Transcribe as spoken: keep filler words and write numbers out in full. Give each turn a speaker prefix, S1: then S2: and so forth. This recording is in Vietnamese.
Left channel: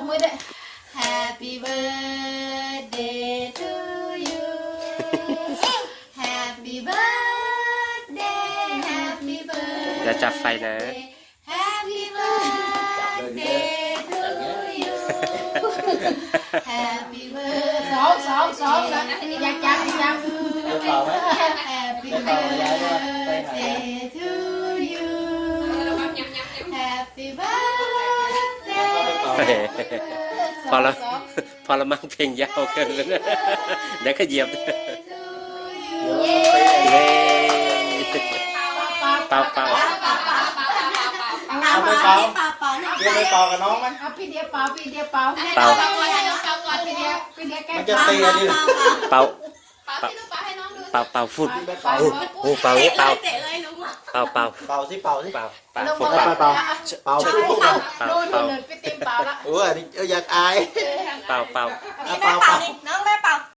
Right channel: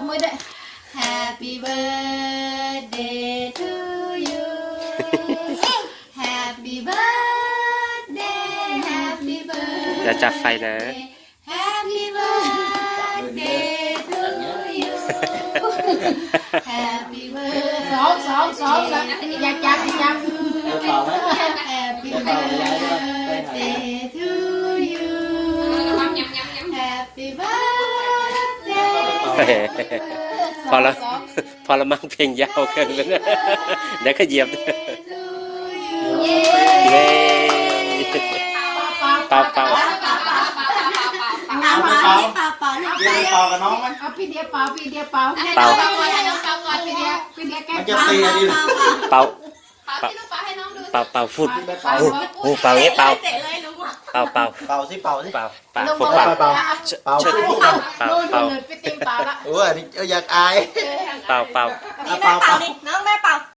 S1: mới đấy. Happy birthday to you. Happy birthday, happy birthday.
S2: อย่าจับไฟนะ
S1: Happy birthday to you. Happy birthday. Sáu, sáu, sáu, sáu. Dạ chặt, chặt. Happy birthday to you. Happy birthday.
S2: พอแล้วพอแล้วมั่งเพลงยาวเกินไปนะเดี๋ยวก็เหยียบเย้เป่าเป่า
S1: Áo áo áo áo
S3: Đi đi tàu cả nó đấy.
S1: phi đĩa áo phi đĩa áo
S2: Tàu.
S1: phi đĩa phi đĩa cái
S3: Nó cho tia đi.
S2: เป่าเป่าเป่าเป่าฟุตโอ้โหเป่าเนี้ยเป่าเป่าเป่า
S3: Tàu xí tàu xí.
S2: เป่าเป่า
S1: Nó
S2: ฟุต
S1: bỏ
S2: เป่า
S3: Tàu tàu. Tàu xí tàu.
S2: เป่าเป่า
S1: cái tim áo đó
S3: Ủa đi ở giặc ai.
S2: เป่าเป่า
S3: À, tàu tàu.